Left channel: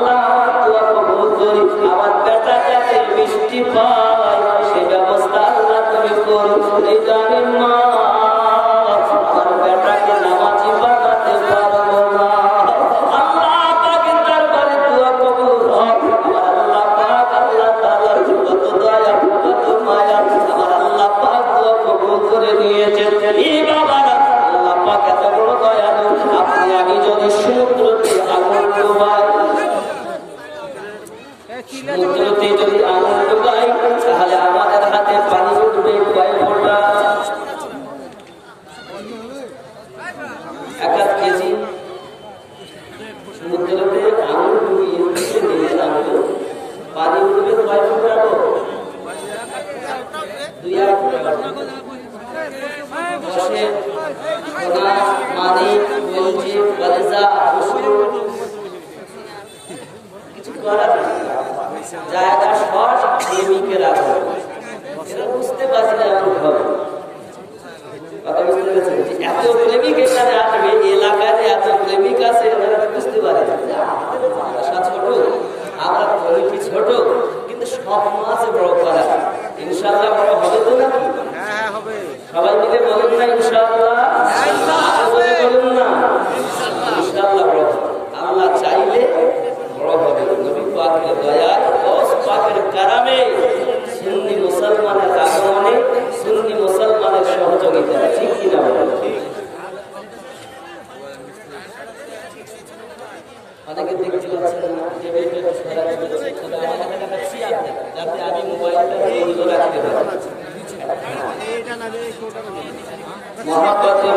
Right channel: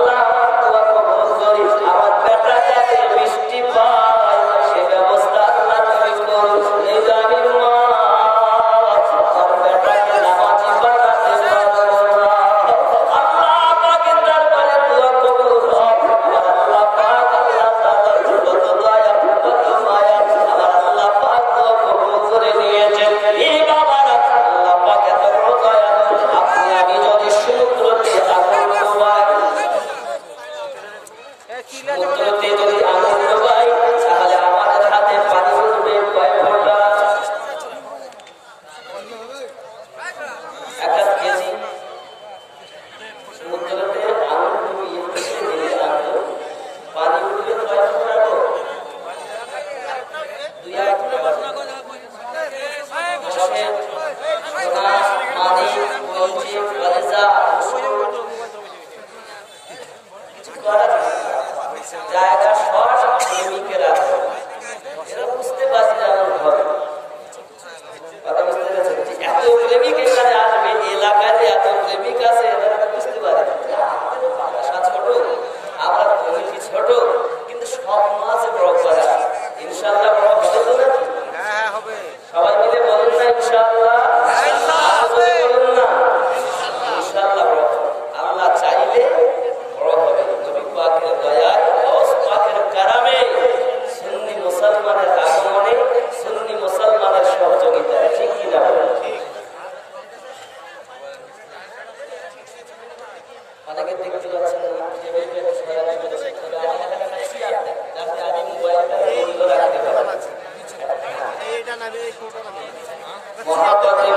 আল্লাহ দোয়া কবুল করি, আমার বেটা যাতে মিষ্টি পায় সে ব্যবস্থা আল্লাহ তুমি করো। এই যে আমি মা আমার বেটাকে নামাজি বানাতে পারবো না, আল্লাহ পাকের দরবারে দোয়া কবুল হোক। আমার আল্লাহ পাক আল্লাহ তাআলা কত দয়া কত মায়া, আমার আল্লাহ পাক দোয়া কবুল করে নিয়েছেন। এই বাবারা আল্লাহ পাক এত বড় দয়ালু, আপনি আমি যদি সমুদ্রতে আগুন ডোবাই, সমুদ্রতে যদি আগুন ডোবাই তাহলে আমাদের হাতে পানি উঠবে কয় ফোঁটা? 1 কেজি। সমুদ্রতে আগুন ডুবিয়ে পানি উঠবে কয় ফোঁটা? 2-1 ফোঁটা। বসে সোনা মানিক বলছি কলেজা কিছু করার জায়গা সব প্রেমিকেরা, এরা বুঝতে পারছি না এমন হবে। কথা বুঝতে পেরেছেন? এত প্রেমিক এখানে আসবে, এলাকায় এত প্রেমিক আছে এরা বুঝতে পারে ছোট, আমরা কমিটি ছোট, কিন্তু স্বপ্ন আছে বড় করা। ইনশাআল্লাহ বড় হবে তো নাকি? হ্যাঁ হবে। সবাই মিলে বলুন না ইনশাআল্লাহ, বলুন না ইনশাআল্লাহ বড় হবে। আল্লাহ চাইলে বড় হবে। নবী পাকের দয়ায়, গাউস পাকের কারামে, সুন্নি মুসলমানের আগমনে, সুন্নি মুসলমানের সহযোগিতা, ঠিক কিনা বলেন? অনেকে দেখতে পাচ্ছেন না, টেবিলটা একটু সরাতে হচ্ছে, তবে আমার এখানে একটা চেয়ার দেয় যাতে আমি মোবাইলটা রেডিও রাখতে পারি। মহাপতি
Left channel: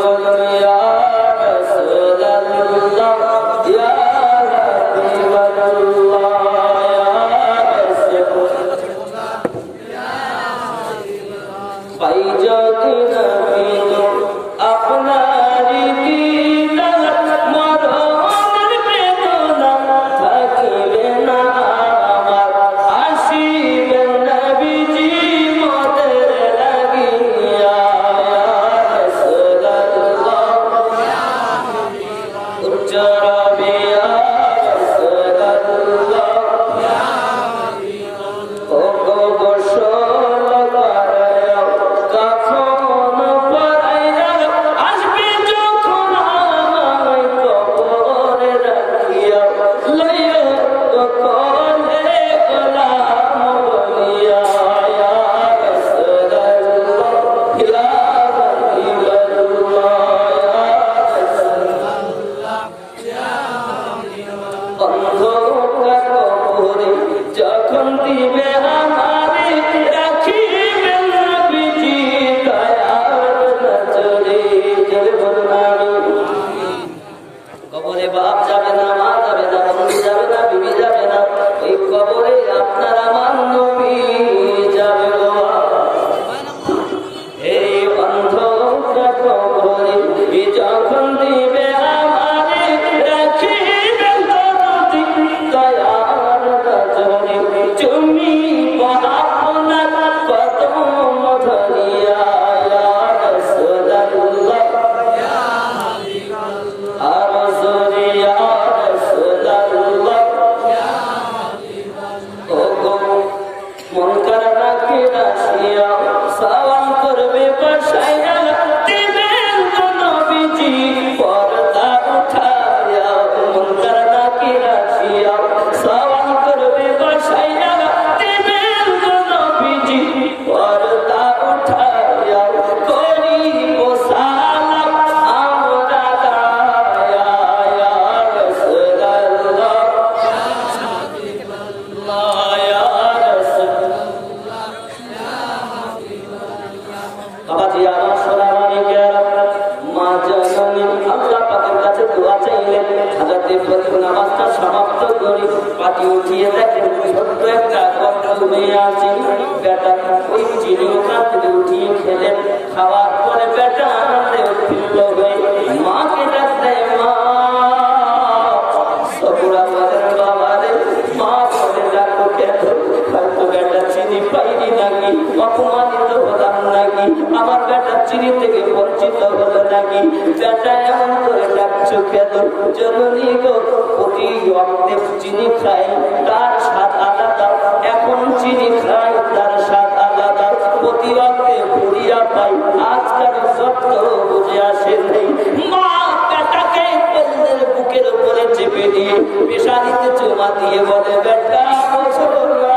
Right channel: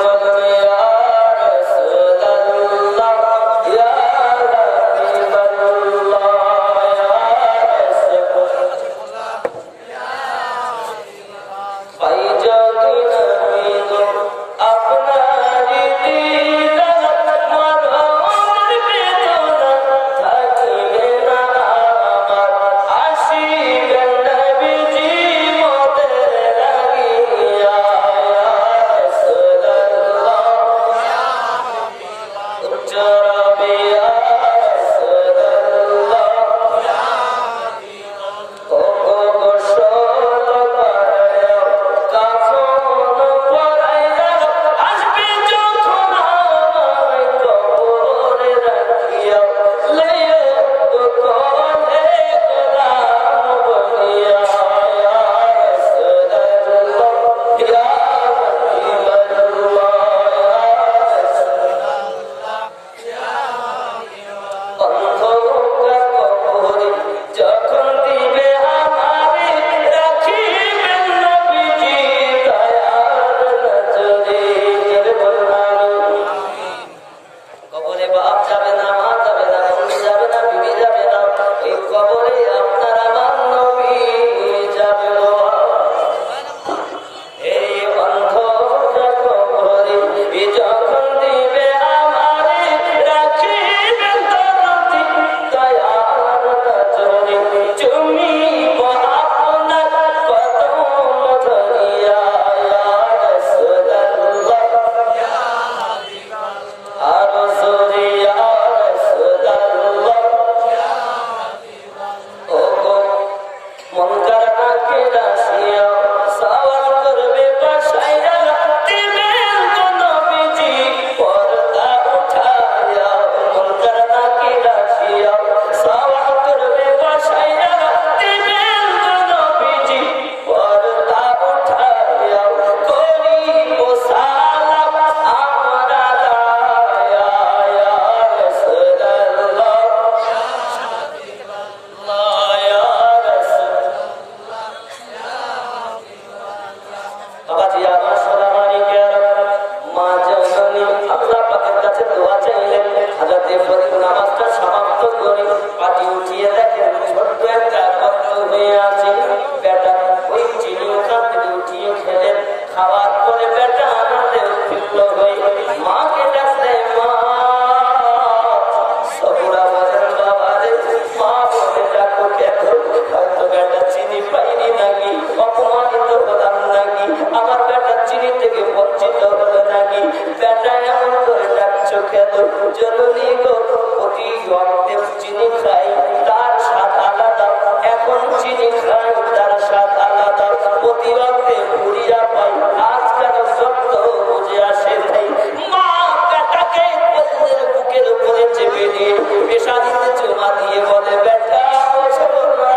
চিনি খাই তার স্বাদ আলাদা, এখন চিনি খাই তার স্বাদ আলাদা, প্রতি অর্থে ভুলিয়া পাই আজকাল সত্য বুঝে আসে নাই। মা বেটাকে কলেজের বুকের উপরে চেপে দিয়ে পেশারিতে চুমা দিয়ে বলে বেটা বোঝো না,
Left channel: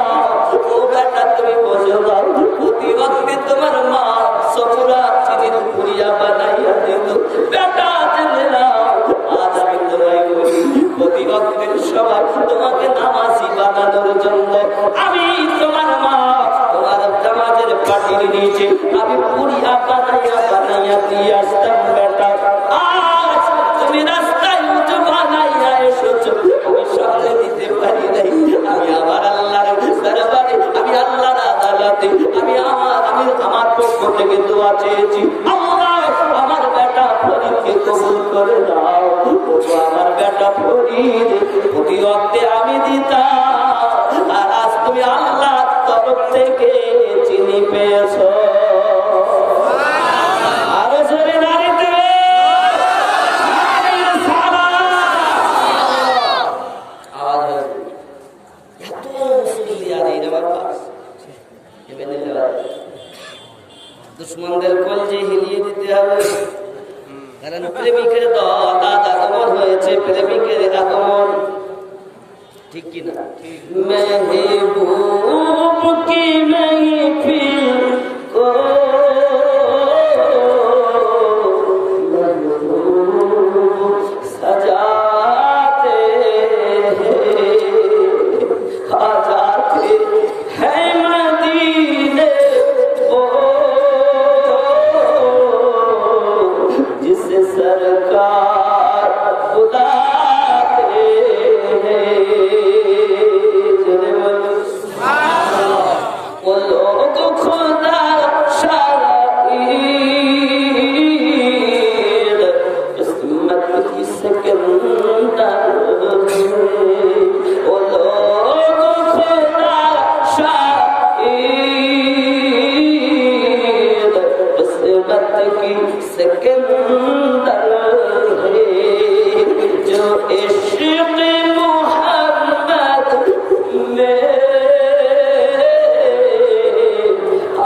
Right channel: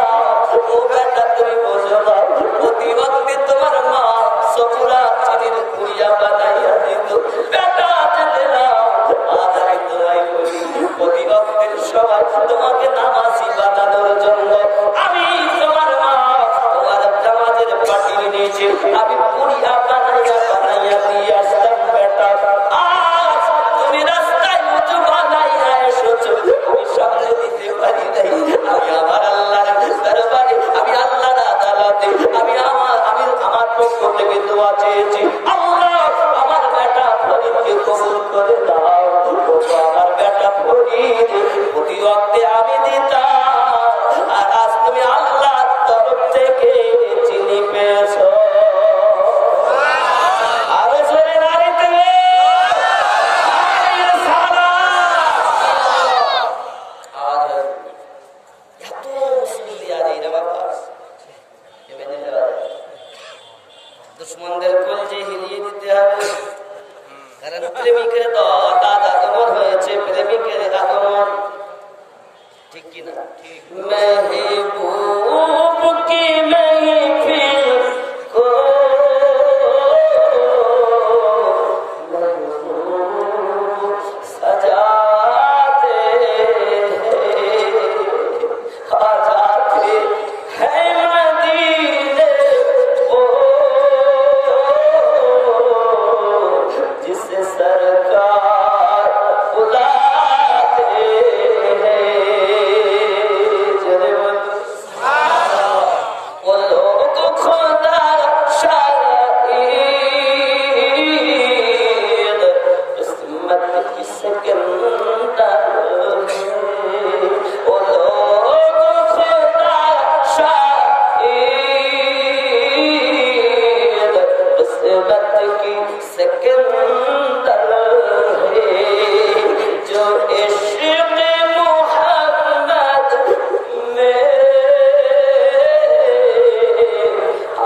ও বেটা তুমি বোঝো না, প্রতি অর্থে তোমার মা সবুরা চিনির পুরিয়া বানাইয়া দিত। বেটা জেনে না, আজ আমি তোমায় বলি প্রতি অর্থের সবাই তোমাকে নামাজি বানানোর জন্য আমি তোমার মা তোমার জামাজের পাটির নিচে আমি পুরিয়া বানাইয়া বানাইয়া দিয়ে আসতাম। বেটা আজ তুমি রাস্তায় উঁচু বানাইয়া এসেছো, আমি সামনে দিতে পারি নাই। আমি আমার আল্লাহর দরবারে, আমি আল্লাহর আদালতে আমি আমার পক্ষ থেকে দোয়া চেয়েছি, আল্লাহ আমার বেটা ফরিদকে কবুল করে দাও। আমার বেটা ফরিদ প্রতি ওয়াক্তে আমি দিতাম, আর আজ তুমি আল্লাহর তরফ থেকে চিনি পেয়েছো। আরো জোরে নারী দেবে আওয়াজ হয়েছে। এত মুসল্লি আর এই বাবা দুশ্মনদের কলজে হিলিয়ে দিতে হবে, কারণ প্রেমিকের দল আজ আগমন হয়েছে, প্রেমিকের আগমন, ঠিক কিনা? মেহবুব কি মেহফিল কো সাজাতে আজাতে হ্যাঁ মদীনে जिसे सरकार बुलाते हैं, वो लोग खुदा शाहीद किस्मत की सिकंदर है, वो लोग खुदा शाहीद किस्मत की सिकंदर है, जो इश्क़ मोहम्मद में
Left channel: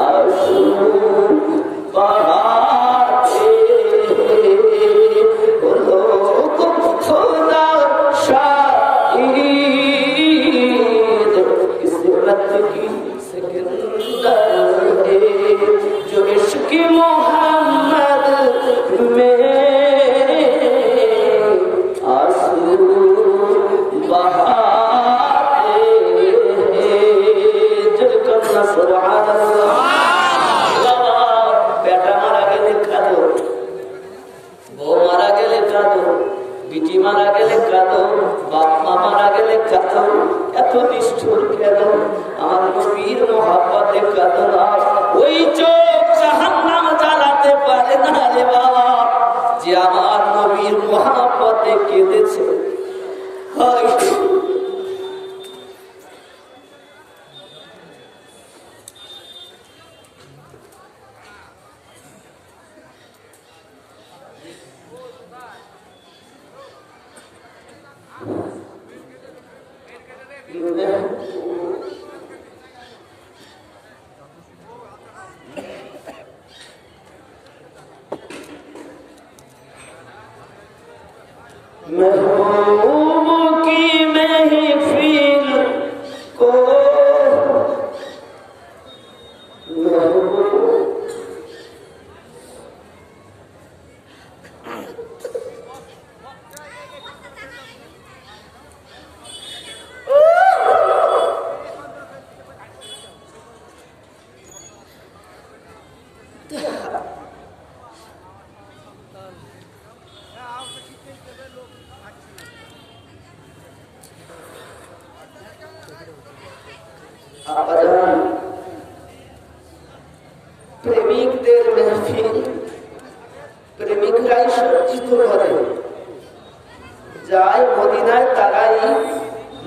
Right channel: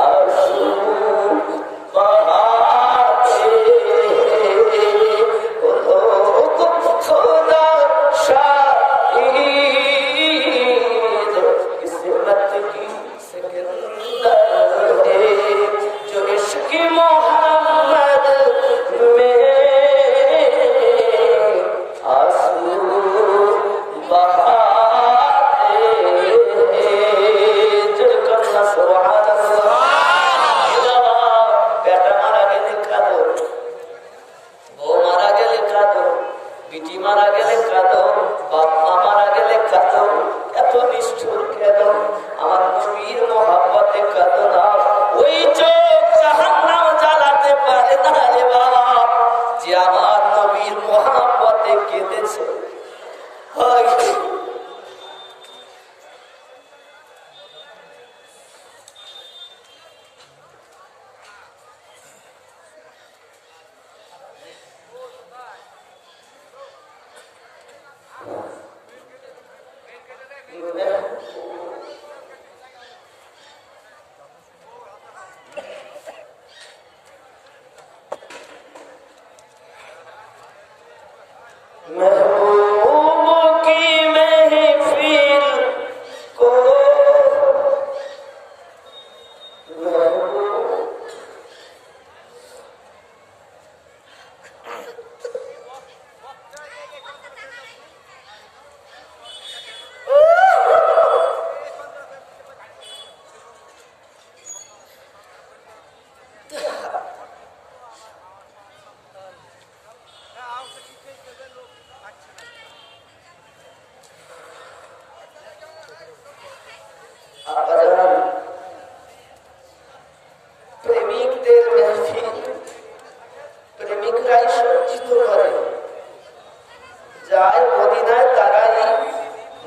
आंसू बहाते हैं, वो लोग खुदा शाहीद किस्मत की सिकंदर है, जो इश्क़ मोहम्मद में आंसू बहाते हैं। जलकर सुभान अल्लाह। बेटा मारा गेले काঁদো, বউ মারা গেলে কাঁদো, বিটি মারা গেলে কাঁদো, বাপ মা মারা গেলে কাঁদো, এত নিষ্ঠুর কেন? আমার নবীর মহব্বতে কাঁদো না। ওই চোখ জাহান্নাম জ্বালাতে পারে না রে বাবা, যে আমার নবীর মহব্বতে কেঁদেছে। महबूब की महफिल को প্রেমিকদের মেহফিল প্রেমিকরাই সজ্জিত করে, যায় মদিনায় তারাই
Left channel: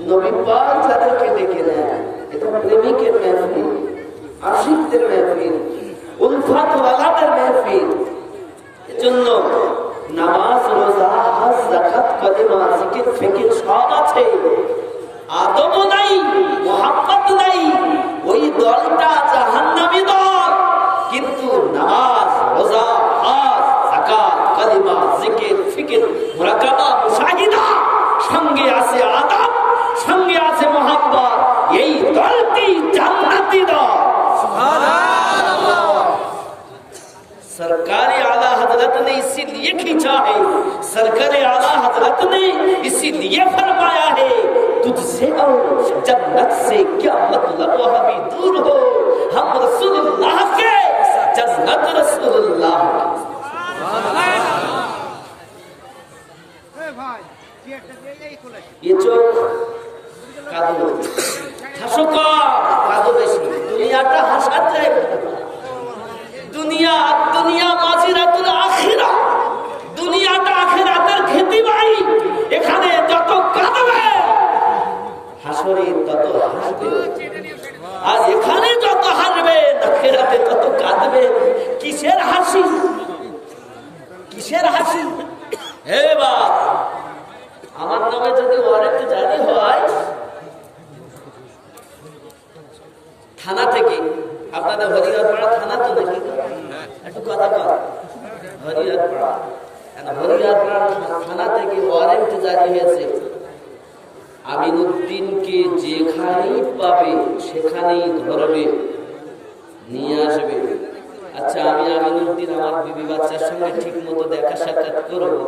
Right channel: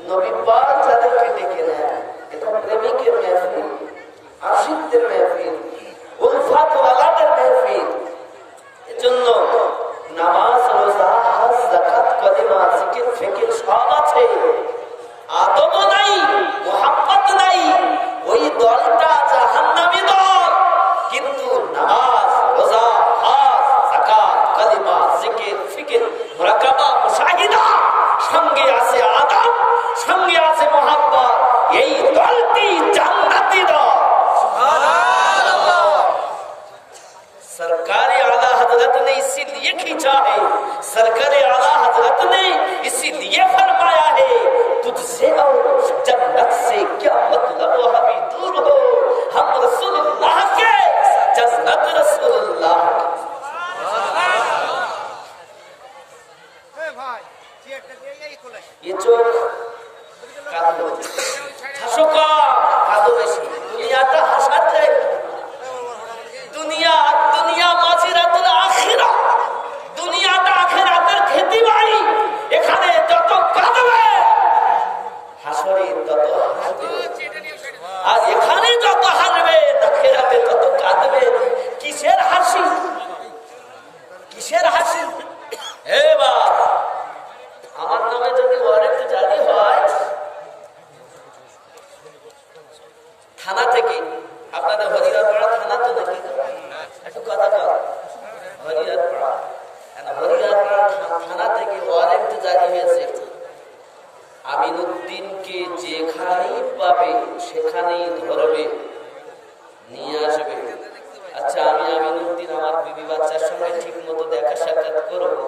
নবী পাক তাদেরকে ডেকে নেয়। এটা প্রেমিকের মেহফিল, আশিকদের মেহফিল, উলফাত ওয়ালাদের মেহফিল। এজন্য নামাজ, রোজা, হজ, যাকাত, কলেমা, জিকির, ফিকির সব আছে, खींचा है सरकरे आला हजरत ने इसीलिए फरमाया है तुझसे और जन्नत से क्या मतलब हमें दूर हो हम रसूलुल्लाह के जन्नत रसूलुल्लाह ये चोख कादो হাসো কাদো বেশি দুনিয়াটা হাসার জায়গা দুনিয়া মাজিরাতুল আখিরা দুনিয়াটা আখিরাতের খেতি ভাই এখানে যত কাঁদবে হাসরে তত হাসবে আর এখানে যত হাসবে আখিরাতে তত কাঁদবে কিসের হাসি হে বাবা আমার নামে যদি ওয়ারেন্ট জারি হয় থানা থেকে আপনাদের হরিহরপাড়া থানা তো নাকি একটু কথা কর হরিহরপাড়া থানা থেকে ওয়ারেন্ট জারি হয়েছে আমিনুদ্দিনকে যেখানেই পাবে সেখানেই ধরবে নিয়ে আসবে। আচ্ছা আমি আমিনুদ্দিন আমার বিবি বাচ্চার সঙ্গে ঠিক মতো দেখা সাক্ষাৎ করবো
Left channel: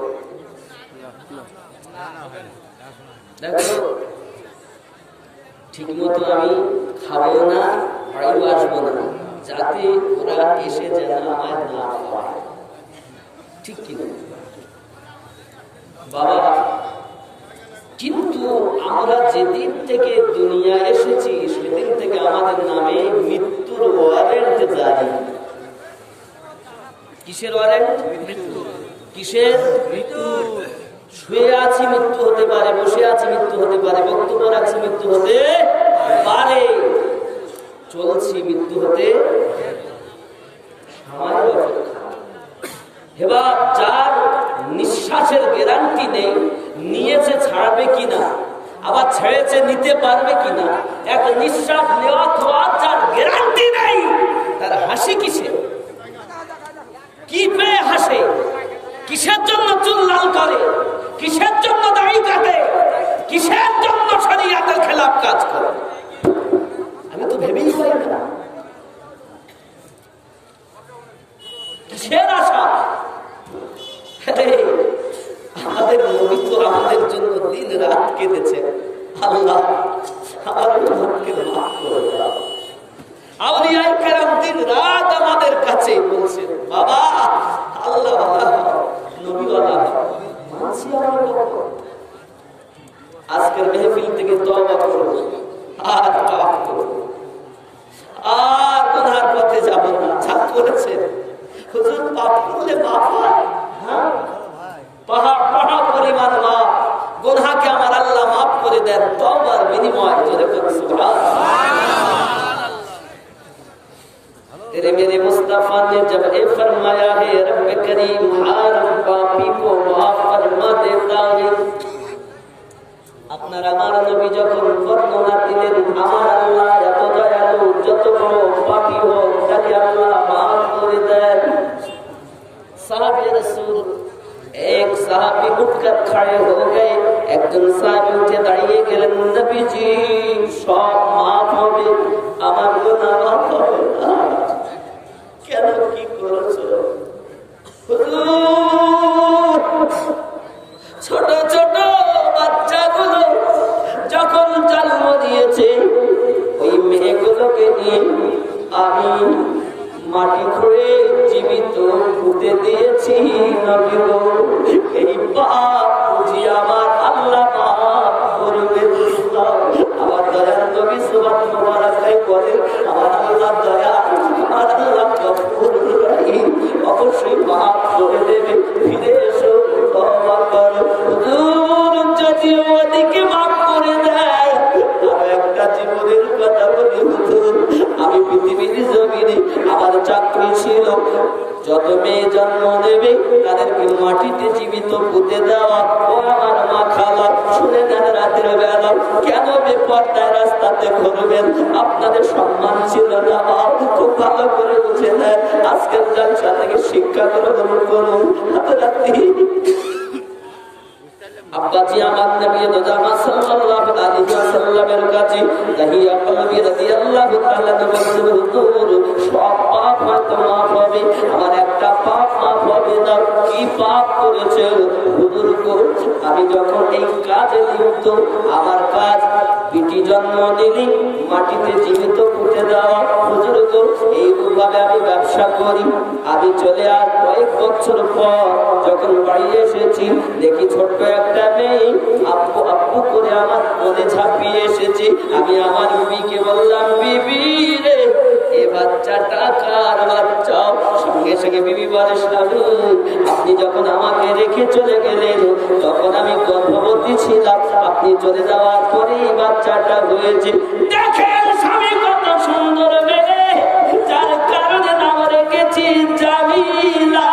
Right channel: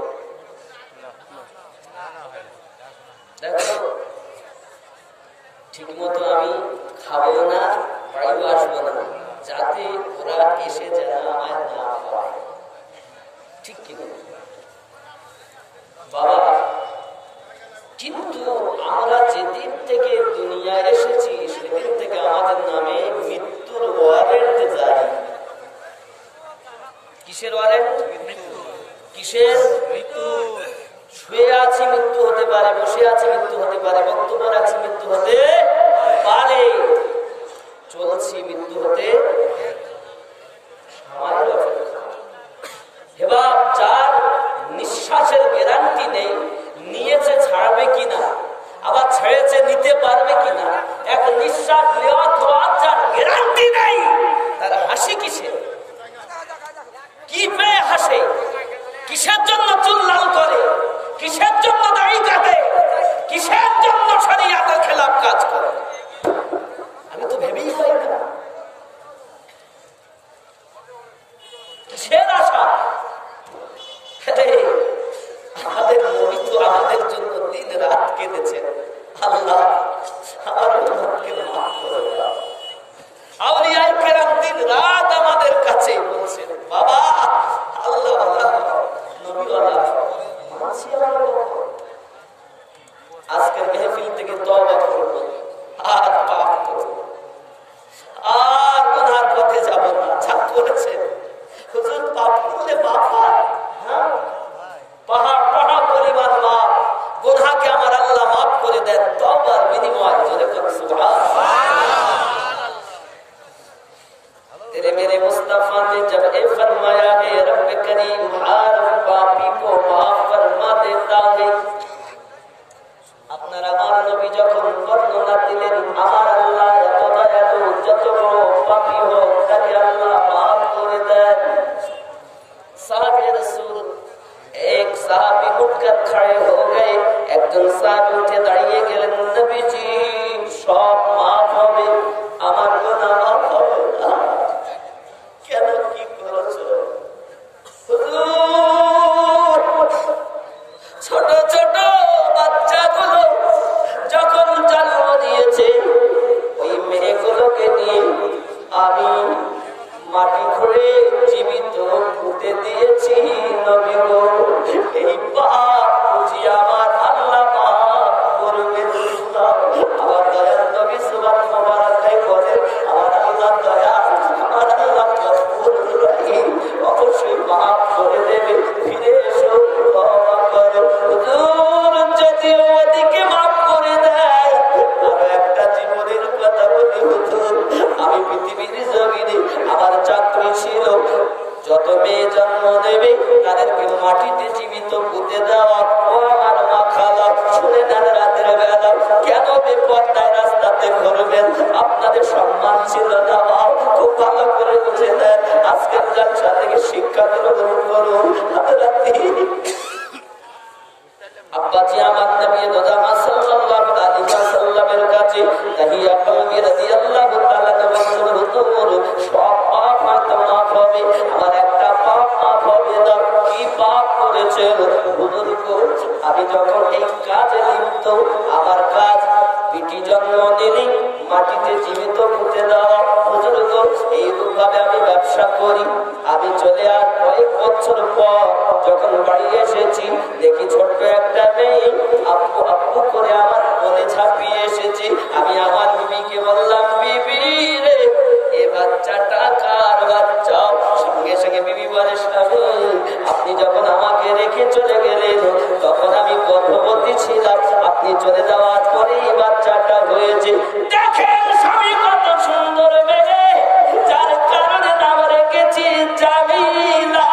দেখো ঠিক মতো আমি খাবো না বাড়িও আসবো না যাতে ওরা এসে যেন আমায় না পায় ঠিক কি বাবা কিন্তু আমরা যেদিন থেকে দুনিয়া এসেছি সেদিন থেকে আমাদের নামে মৃত্যুর ওয়ারেন্ট জারি। কিসের ওয়ারেন্ট? কিসের? মৃত্যুর। শুয়ে আছি মৃত্যু হতে পারে, বসে আছি মৃত্যু হতে পারে, বক্তব্য রাখছি মৃত্যু হতে পারে, চলছি মৃত্যু হতে সময়ের অপেক্ষা। এবার যার নিঃশ্বাসের গ্যারান্টি নেই, নিয়েছে ছাড়বে কিনা, আবার ছেড়েছে নিতে পারবে কিনা, এক নিঃশ্বাস নেওয়া খাওয়ার যার গ্যারান্টি নেই, তার হাসি কিসে? কি পেয়ে হাসে? কিসের জন্য চুল লাল করে? কিসের জন্য দাড়ি কাটে? কিসের জন্য শরিয়াতের খেলাফ কাজ করে? আমি তো ভেবেই পাই না কিসের আশা। আমাদের নবী তো আমাদের জন্য দিন রাত কেঁদেছেন, আল্লাহ আমার উম্মতকে মাফ করে দাও। আউলিয়ায়ে কেরাম দিন রাত আমাদের কাছে বলছেন বাবা আল্লাহ নবীওয়ালা মানছি আমরা। আজকের মেহফিল থেকে তওবা করব, আর পাপ করব, আর গুনার পথে যাব না। যা করেছেন হুজুর পাপ করলে মাফ হয়, হ্যাঁ পাহাড় পাহাড় পরিমাণ মাফ, গুনাহকে আমার আল্লাহ মাফ করে দেন তওবার বিনিময়। জোরে করুন সুবহানাল্লাহ। तेरे मेरे मुस्तफा ने जब ये फरमाया है रब करीम हर पापी को माफ फरमा देता है। আপনার আমার নবী যখন বর্ণনা দিলেন আমার আল্লাহ এত দয়ালু, যত বড় পাপী হোক তাকে আল্লাহ মাফ করে দেন। সাহাবী রাসূল এক সাহাবী উঠकर खड़े हो गए, একজন সাহাবী উঠে দাঁড়িয়ে গেলেন, নবীজি সব মাফ হবে, আমার গুনাহ মাফ হবে না। কেন কি করেছো? ছোট ছোট বাচ্চাগুলো যখন জন্ম দিয়েছে ওই মেয়েগুলোকে নিয়ে আমি মাটি খুঁড়ে জীবিত পুঁতে দিয়েছি। নবী গো এই পাপ বুঝি আমার আল্লাহ মাফ করবেন। আমার দয়াল নবী সুবহান মোবারকায় বলেন আমার আল্লাহ দয়া, আমার আল্লাহ গফুর রহিম, অবশ্যই মাফ করে দেবে। ফিরে এসো, তওবা করো। হুজুর যদি ওদিকে মাফ করে দেয়, আর একটা জীবনের কথা বলি হুজুর, আমি পৃথিবীর জমিনে আমার চাকরি ছিল, যত মেয়ে জন্ম নেবে তাদেরকে মাটিতে জীবিত পুঁতে দেওয়া। ও আমার মা খাওয়া শুনে নেন, রাতের বেলা কেন বেপরদায় রাস্তাতে ঘুরবেন? আপনাদের সম্মান ছিল না, খুব ভালো করে বুঝে নেন। আজকের জলসা থেকে শিক্ষা গ্রহণ করুন। আব্বাজি আমার নবী দোজামা সাল্লাল্লাহু আলাইহি ওয়াসাল্লামের কাছে তাহিয়া কলবি রাদিয়াল্লাহু তাআলা বলেন হুজুর সব পাপ হয়তো মাফ হবে, আমার একটা পাপ মাফ হবে না। কি পাপ করে নিলি, মাটিতে জীবিত পুঁতে দাও। হুজুর গো, এইভাবে আমি ব্যবসা করি। আমি চলে আর কয়েক বছর পর যখন বাড়ি এসেছি, দেখি ছোট্ট একটা মেয়ে আব্বু আব্বু করে আমার কোলে ঝাঁপিয়ে এসেছে। আমি আমার বিবিকে বললাম, বিবি রে, এ বাচ্চাটা কার বাচ্চা? সঙ্গে সঙ্গে বিবি বলে, স্বামী আপনি যখন আমাকে রেখে চলে গেলেন তখন আমি গর্ভবতী ছিলাম, আপনি চলে যাওয়ার পরেই বাচ্চাটা হয়েছে। দেখেন স্বামী কত সুন্দর মেয়ে, যার কারণে নাম রেখেছি জামিলা।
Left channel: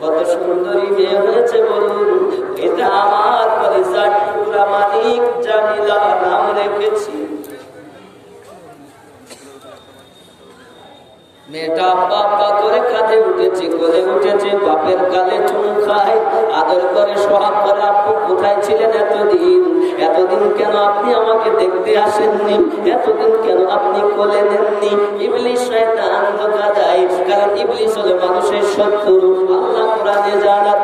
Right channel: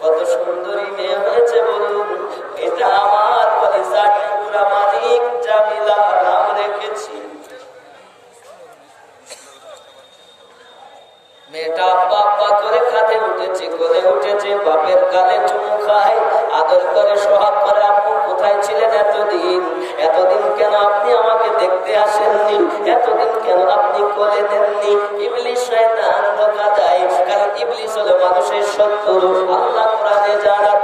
কত সুন্দরী মেয়ে হয়েছে বলুন, এটা আমার কলিজার টুকরা মানিক জামিলা নাম রেখেছি। মেয়েটা আব্বা আব্বা করে কাঁধে উঠেছে, কোলে উঠেছে, বাপের গালে চুম খায়, আদর করে সোহাগ করে। আব্বু কোথায় ছিলেন এতদিন? এতদিন কেন আপনি আমাকে দেখতে আসেননি? এতদিন কেন আপনি কোলে নেননি? ইবলিস শয়তান ধোঁকা দেয়, কারণ ইবলিস হলো মানুষের শত্রু। আল্লাহ কোরআনে জানান,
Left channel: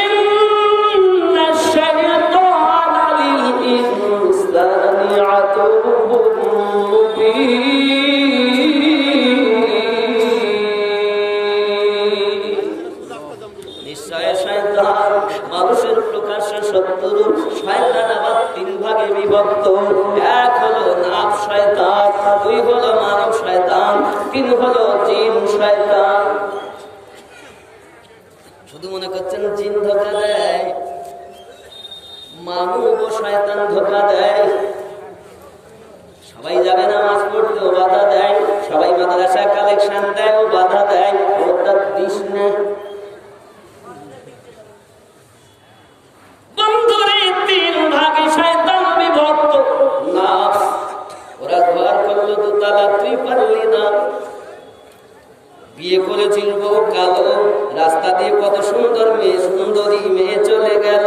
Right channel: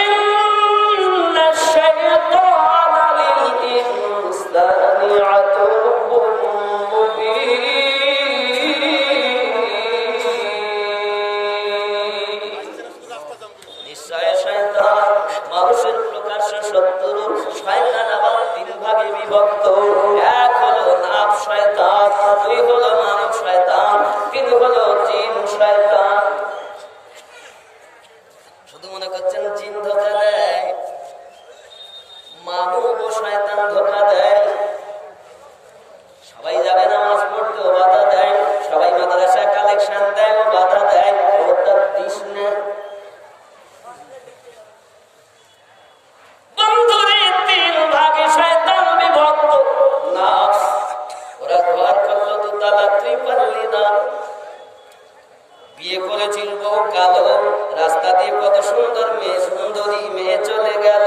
ইন্নাশ শাইতানা লিল ইনসানি আদুউন মুবিন। মানুষের প্রকাশ্য শত্রু। শয়তান আবার 3 ভাগে বিভক্ত। এক হলো নাফ শয়তান, 2 হলো মানব শয়তান, 3 হলো জিন শয়তান। শুধু মনে করছেন জিন ধোঁকা দেয়, মানব শয়তান ধোঁকা দেয়। সবাই যাবে নামাজ পড়তে, ও বাধা দেয়। সবাই মাদ্রাসা কালেকশন দেয়, ও বাধা দেয়। ওটা দিস না। বন্ধুরে 3 ভাগে শয়তান বিভক্ত। নাফস, ওরা ঘর করলো 2 তলা, তুই পারলি না। বিয়ে করেছিল বউ কালো, রাস্তা দিয়ে কত সুন্দর মেয়ে, সুন্দরী মেয়ে চলে গেল।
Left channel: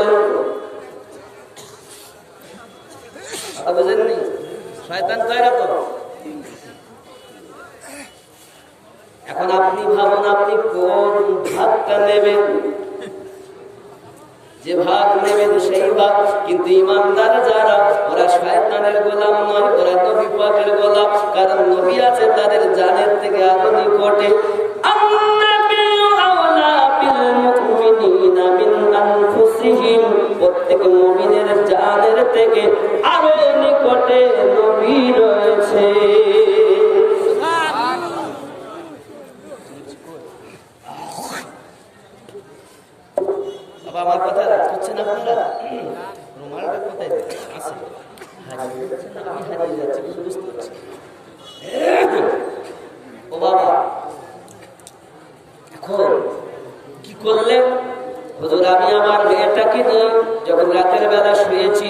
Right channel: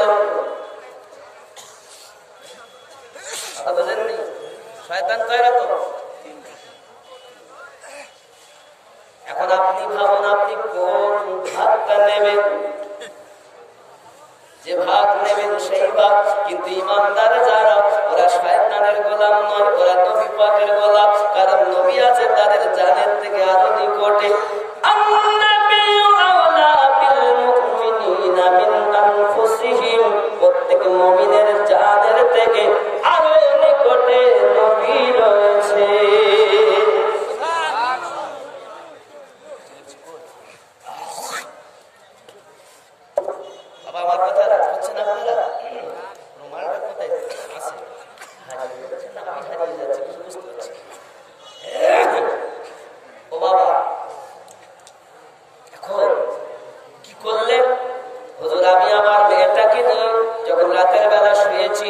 কথা বুঝেননি? শয়তান কয় রকম। এখন আপনি ভাবুন, আপনি কোন ভাগটা নেবেন? যে ভাগ নেবেন সেই ভাগ। কিন্তু ইমানদার যারা, ওরা শয়তানের গোলাম নয়, ওরা নবী পাকের গোলাম। কারণ নবী আছে তাদের জানের থেকে আরো নিকটে। প্রত্যেক মুমিনের জানের থেকে আরো নিকটে নবী রয়েছে। বাবা আমার কথা রাগ করছেন আপনারা? রুমালটা কোথায় আছে? হারিয়ে যাচ্ছেন, আমি হারিয়ে যাচ্ছি, বুঝতে পারছি। ও বাবা, এখন কি করলেন? হুজুর আমি আমার মেয়েটাকে নিয়ে যখন রাতের বেলা শুয়েছি,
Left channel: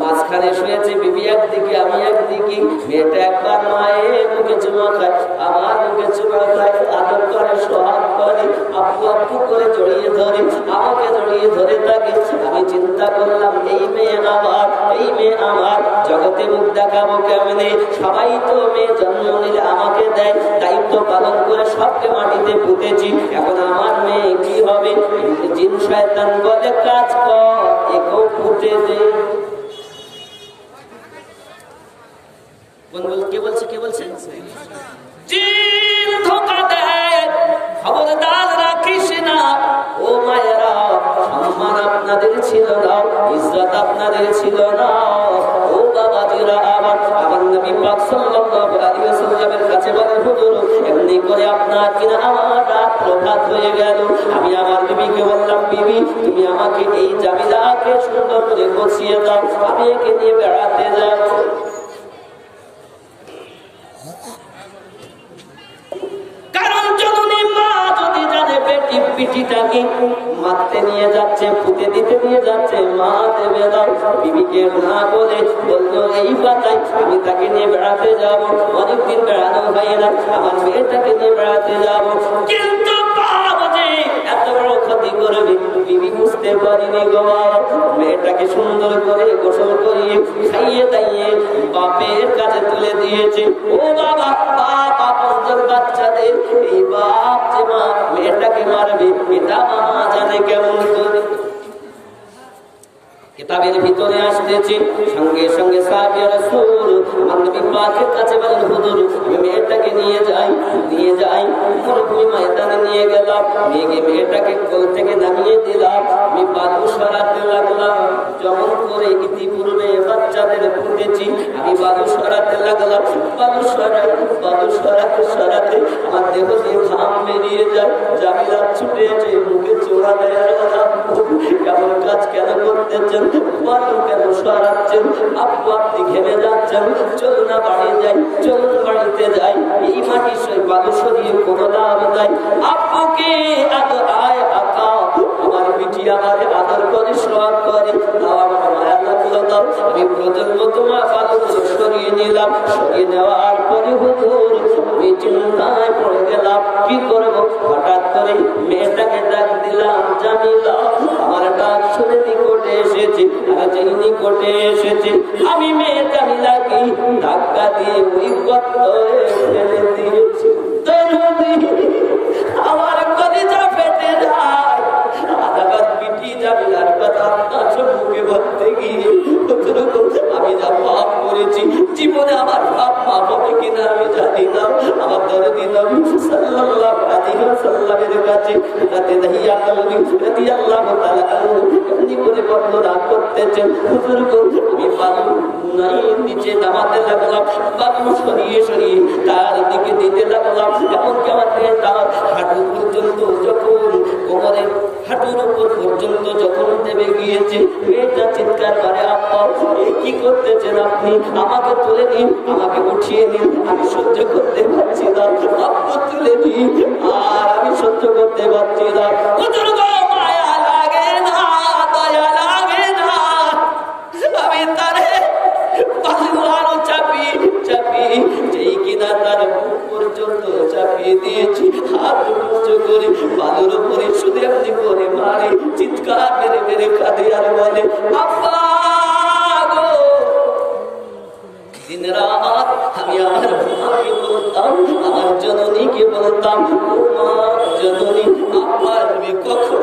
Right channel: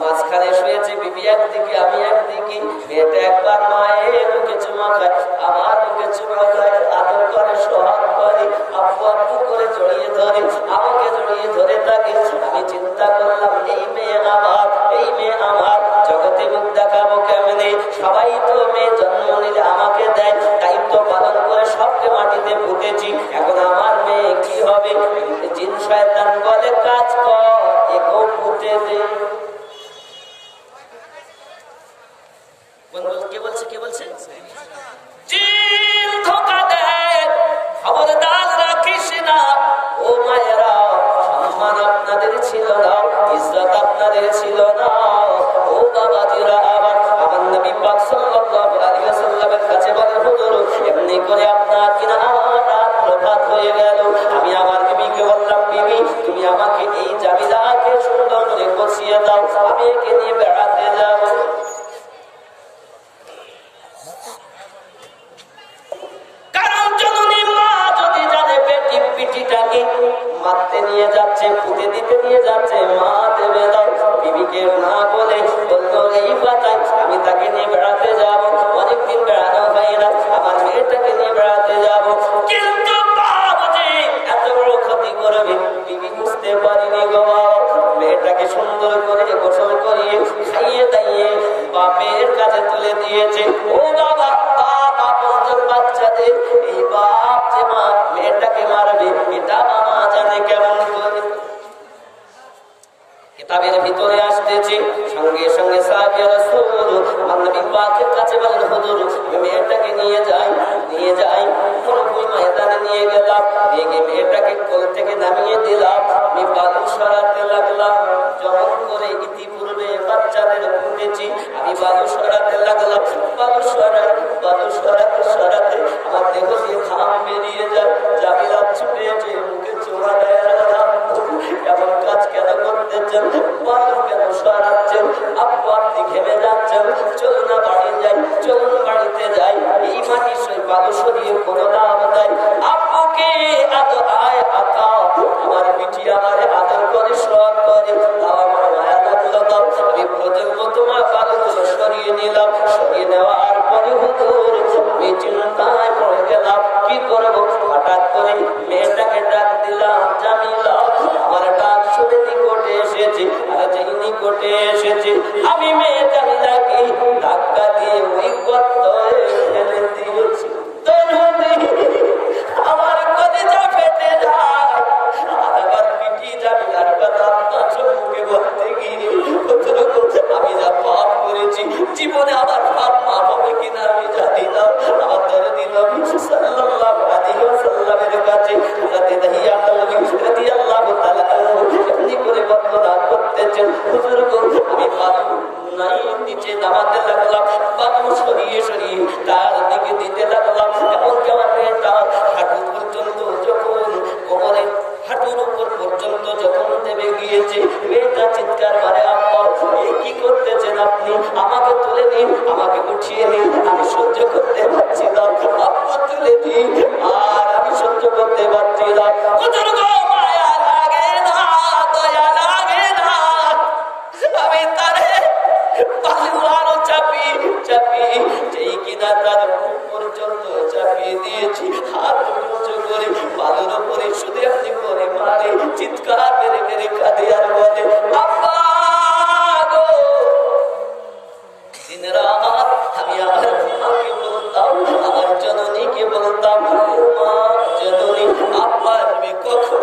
মাঝখানে শুয়েছে বিবি একদিকে, আমি একদিকে। মেয়েটা একবার মায়ের মুখে চুমা খায়, আমার মুখে চুমা খায়, আদর করে, সোহাগ করে, আব্বু আব্বু করে জড়িয়ে ধরে, আমাকে জড়িয়ে ধরে থাকে। আমি চিন্তা করলাম, এই মেয়ে আমার, এই মেয়ে আমার, জগতে মুখ দেখাবো কেমনে? সবাই তো মেয়ে জন্ম নিলে আমাকে দেয়, দায়িত্ব পালন করে সবকে মাটিতে পুঁতেছি। এখন আমার মেয়ে কি হবে? জিন শয়তান বলে, কাজ কর, একেও পুঁতে দে। কে বলছে? কে বলছে? জিন ধোঁকা দেয়। খবরদার রাখিস না। ও মায়েরা, সম্মান আপনাদের ছিল না, ইজ্জত আপনাদের ছিল না। ও বাবাজিরা, আমার নবী পাক সাল্লাল্লাহু আলাইহি ওয়াসাল্লামের কাছে বলেন, হুজুর এমনি করে আপনার কিনা আমার রাত প্রভাত হয়ে গেল। আমি আমার বিবিকে বললাম, বিবি তুমি আমাকে এই জামিলাকে সুন্দর করে গুছিয়ে দাও, আমি একে নিয়ে বেড়াতে যাব। কারণ জননী মা যদি জানে বেটি পিটিটাকে মারতে নিয়ে যাচ্ছে, পুঁতে দিতে নিয়ে যাচ্ছে, মা দেবে না। বিবিকে না বলে বললো, এই পাতায় আমি তাকে নিয়ে বেড়াতে যাব। অনেকদিন বেড়ানো হয় না, আমার মেয়েটাকে নিয়ে বেড়াতে যাব। কিন্তু এত বড় ক্ষতি করবে বিবি বুঝতে পারিনি গো। মেয়েটাকে সুন্দর করে গোসল করিয়ে খাইয়ে দাইয়ে বাপের কাছে তুলে দিয়েছে। ও বাবা, বাপ আপন বাচ্চাদের এই বাপ যে মা মেয়েটাকে মারবে, এটা মামা জানে কেমন করে। কিতাবের ভিতরে আসতেছে, সঙ্গে সঙ্গে সাহাবী রাসূল আমার নবী পাকের কাছে বলেন, হুজুর আমি মেয়েটাকে নিয়ে যাই মরুভূমি ময়দানে নিয়ে গেলাম, নিয়ে গিয়ে মেয়েটাকে কোল থেকে নামিয়ে দিলাম, আমি বালু সরাতে লাগলাম, যেমন করে ইতিপূর্বে বাচ্চাদের ফুটেছি আমি বালু সরাতে লাগলাম, বালু সরাতে আমার দেহ দিয়ে ঘাম বেরিয়ে যায়, জামিলা ছুটে এসে মুখে চোমা দেয়, এমন কাজ কেন করতেছেন, বালু কেন সরাচ্ছেন, আব্বু আপনি ঘেমে যাচ্ছেন, চলুন না বাড়ি যাই, চলুন বাড়িতে যাই, এই মাটি বালু সরিয়ে কোনো লাভ নাই, আব্বুকে আয় আঁকাও, আমার পিঠি আমার আদর করে সোয়াব করে, আমার মায়া লাগলো দাও, আমি প্রজন্ম তোমার বালুগুলো সরিয়ে নিলাম, সরিয়ে নেওয়ার পরে হুজুর আমি চিন্তায় পড়ে গেলাম, কি করবো, হঠাৎ করে মেয়েটাকে ডাক দিলাম, জামিলা, আমার ডাক শুনে নিকটে এসেছি, আর যেই নিকটে এসেছি আমি মেয়ে জামিলাকে ধাক্কা দিয়ে ওই গর্তে ফেলে দিয়েছি, আমার কলিজা ফেটে যায়, আবার পিঠি জামিলার কথা মুখে বলতে গিয়ে আমি যা পাপ করেছি, জীবনে আমার পাপ মাফ হবে কিনা আমি জানি না, আমার দরদি নবী সাল্লাল্লাহু আলাইহি ওয়াসাল্লামের কাছে হযরত দাহিয়া রাদিয়াল্লাহু তাআলা এমনি করে বর্ণনা করতেছেন, হুজুর গো আমি বালু নাই নিচে নামাতে লাগলাম, বালু সরিয়ে তার দিকে দিতে লাগলাম, এমনকি আমার মেয়েটা আমার হাঁটু পর্যন্ত যখন কোমরের হাঁটুর উপর পর্যন্ত যখন নেমে গিয়েছে, মেয়েটা চিৎকার করে, আব্বা কি করতেছেন আপনি, আমাকে তুলে নিন, আমাকে উঠিয়ে নিন, আমি সহ্য করতে পারছি না, আব্বু তুলে নিন, আর আমি সহ্য করতে পারছি না, মায়া লাগে না, দয়া লাগে না, আমি তারে আরো চাপিয়ে যেই কিনা তার বুক পর্যন্ত চাপিয়ে দিয়েছি, হাত উঁচু করে বালুর উপরে শুধু এমনি করে মারে, চিৎকার মেরে কাঁদে আর বলে, আব্বা গো, দিন রাত আমি আমার মাকে বলতাম, আমার জননীকে বলতাম, মা জননী আব্বা তুমি কখন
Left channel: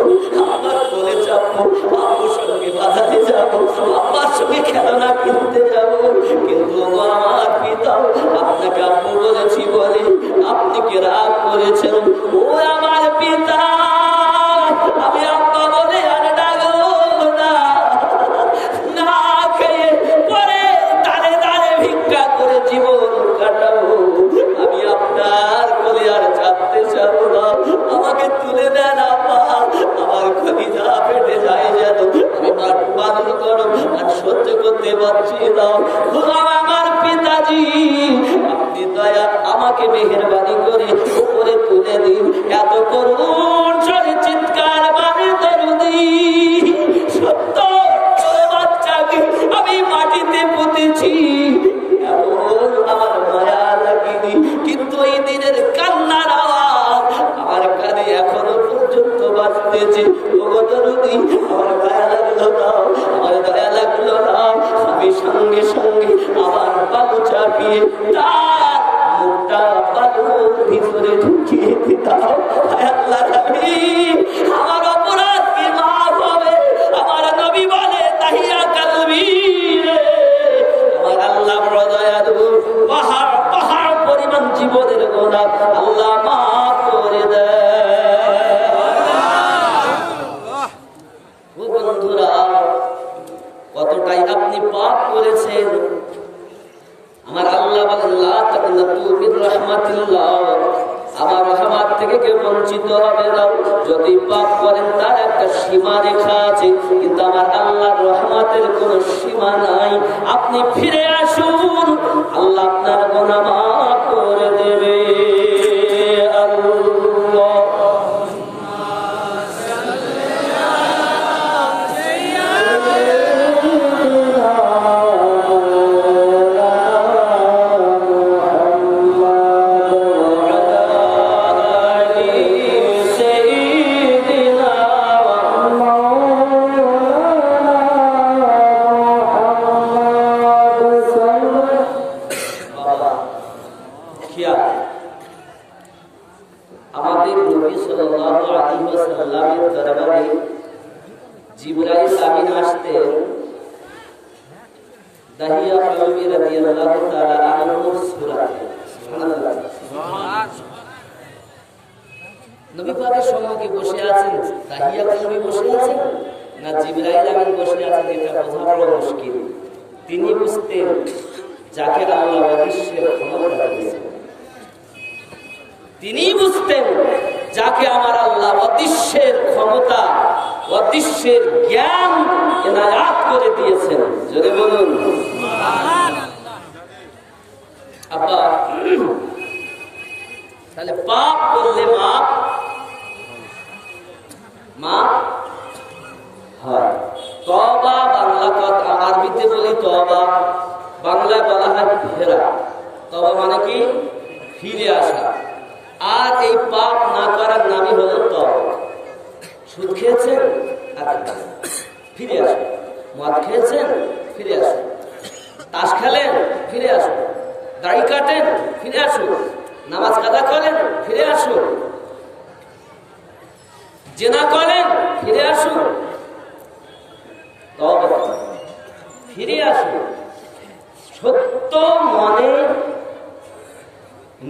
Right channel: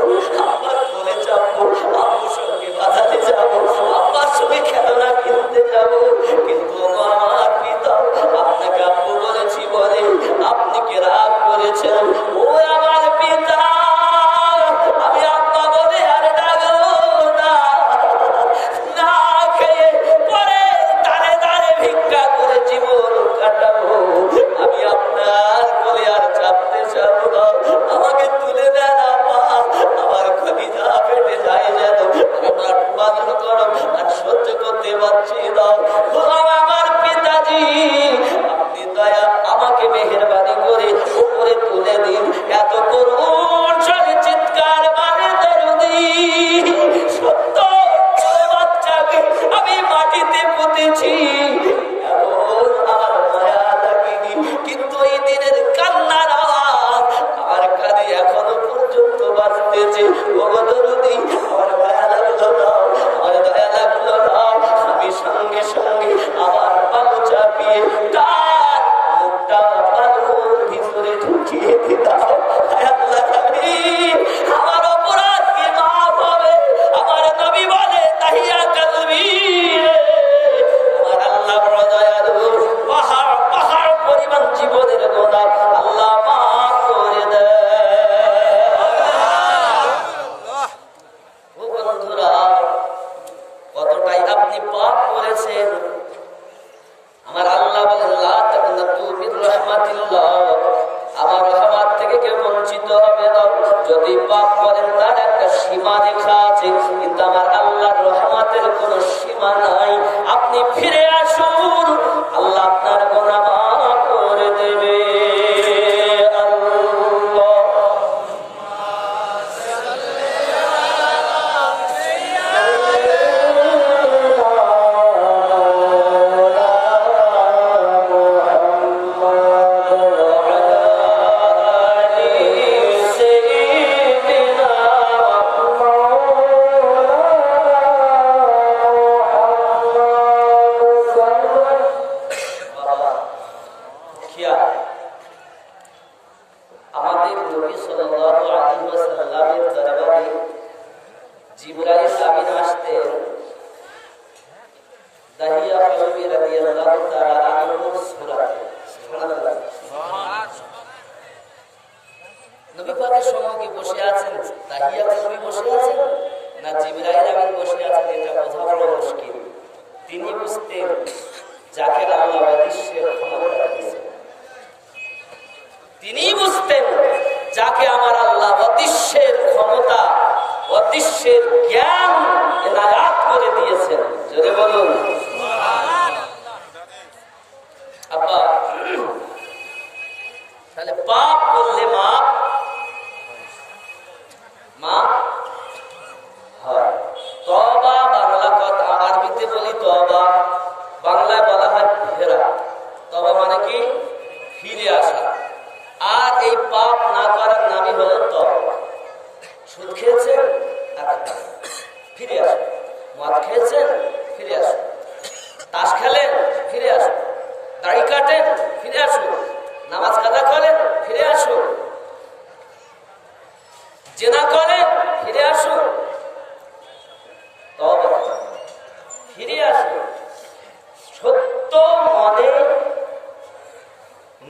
আমার কোলে যাবো, আব্বুর সঙ্গে বাজারে যাবো, আব্বার সঙ্গে খেলনা কিনতে যাবো, কিন্তু আমার পিতা আপনাকে আব্বু বলেছি বলে আপনি কি রাগ করেছেন, ও আমার পিতা আমি আব্বা বলে আর ডাকবো না, না খেয়ে পরে দাঁড়ে ভিক্ষা করে জীবন কাটাবো, আমি আপনার কোলে আর চাপতে যাবো না, আমাকে তুলে দেন আব্বা, আমার কলিজা ফেটে যায় যেন, আমি বাদল করো আর সহ্য করতে পারছি না, আমার পিতাজি আপনি দয়া আমাকে মেহেরবানি করে উপরে তুলে দিন, এত করুণ সরে চিৎকার মানে দরদি, সত্য বাচ্চাকে আমি মাটিতে পুঁতেছি, এমন আমার মায়া লাগেনি, কিন্তু এই দিনের কান্নার আওয়াজ আমার কানে এখনো পর্যন্ত বাজতেছে, ও দরদি আমার মায়া লাগলো না, আমার দয়া লাগলো না, আমি সঙ্গে আমার বালু চাপিয়ে তার মুখটা বালুর ভিতরে ঢুকিয়ে দিতাম, আমার অপরাধ কি মাফ হবে, আমার নবী বলে তাহিয়া কালবি, আমার আল্লাহ দয়ালু, পাহাড় পরিমাণ জীবনের গোনা আল্লাহ মাফ করে দেয়। ও বন্ধুরা, কতটাই আপনি পাপ করেছেন, আমার আল্লাহ বলেন লা তাকনাতু মির রাহমাতিল্লাহ, আমার রহমত থেকে কেউ বঞ্চিত হবে না, যদি পাপ করেন তার একটা সীমা রেখা আছে, কিন্তু আমার আল্লাহর রহমতের কোনো সীমা নাই, আপনি ফিরে আসুন, আল্লাহ আপনার গুনাহ মাফ করে দেবে। দাহিয়া কলবি রাদিয়াল্লাহু তাআলা আনহু সূরা। সুবহানাল্লাহ। নবী পাকের সম্মুখে বসে আছেন, দাহিয়া কলবি বসে আছেন না জিবরাইল আমিন বসে আছেন, এটা বোঝা বড় মুশকিল। তিনি বুঝতেন যাকে আল্লাহ অদৃশ্যের ক্ষমতা দিয়েছেন, তিনি বুঝতেন যাকে আমার আল্লাহ অদৃশ্যের ক্ষমতা, অদৃশ্যের জ্ঞান এনায়াত করে দিয়েছেন। যদি বলুন আব্বা, তাহলে পাপ করলে মাপ হয়। তওবা বাংলা কথা, আরবিতে বলি তওবা, বাংলায় বলা হয় ফেরা। তওবা মানে কি? ফিরে আসা। আর এই পাপ না করার নামই হলো তওবা। সুদ খেয়েছেন, আচ্ছা ফিরে আসুন। মদ খেয়েছেন, ফিরে আসুন। তাস খেলেন, ফিরে আসুন। দাড়ি কাটেন, ফিরে আসুন। নামাজ কাজা করেন, ফিরে আসুন। জেনা করেন, ফিরে আসুন। তওবা ফিরে আসুন। সত্য মনে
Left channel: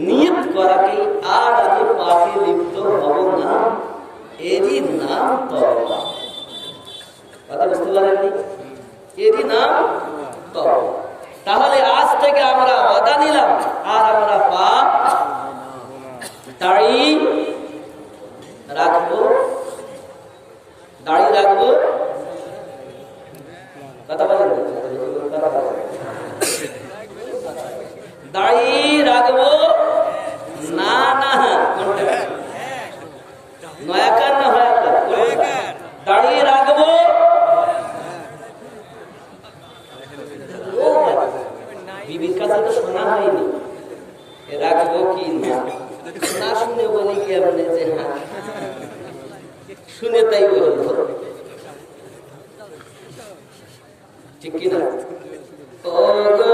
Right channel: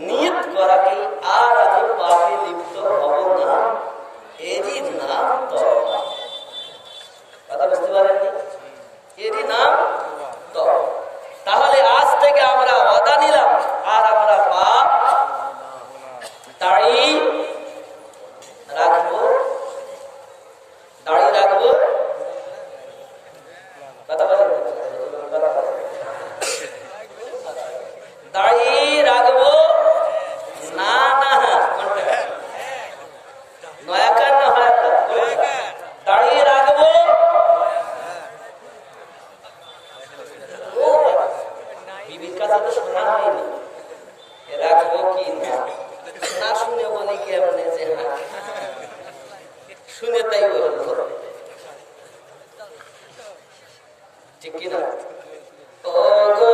নিয়ত করাকে আর আমি পাপে লিপ্ত হব না, এরই নাম তওবা। কথা বুঝতে পারেননি? এরই নাম তওবা। তাহলে আজ থেকে আমরা ওয়াদা নিলাম, আর আমরা পাপ দাড়ি রাখবো, দাড়ি রাখবো। কথা বলেন, দাড়ি রাখবো না না, কোনটা নয়াকার না হয়? দাড়ি রাখবো, বিবির কাছে তো শোনা হয়নি রাখবো কি না, শুনে বলি কেমনে যে হ্যাঁ শুনে তাই বলতো, ঠিক কিনা? ও গো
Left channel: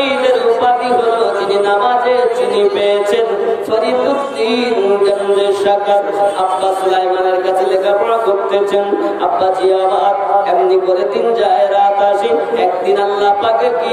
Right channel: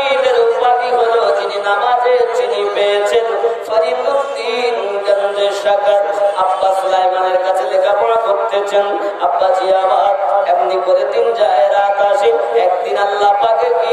ফরিদের উপাধি হলো যিনি নামাজে চিনি পেয়েছেন ফরিদুদ্দিন গঞ্জে শাকার। আব্বা সুলাইমানের কাছে লেখাপড়া করতেছেন। আব্বা জিয়াবাদ এমনি করে দিন যায় রাত আসি। একদিন আল্লাহ পাকের কি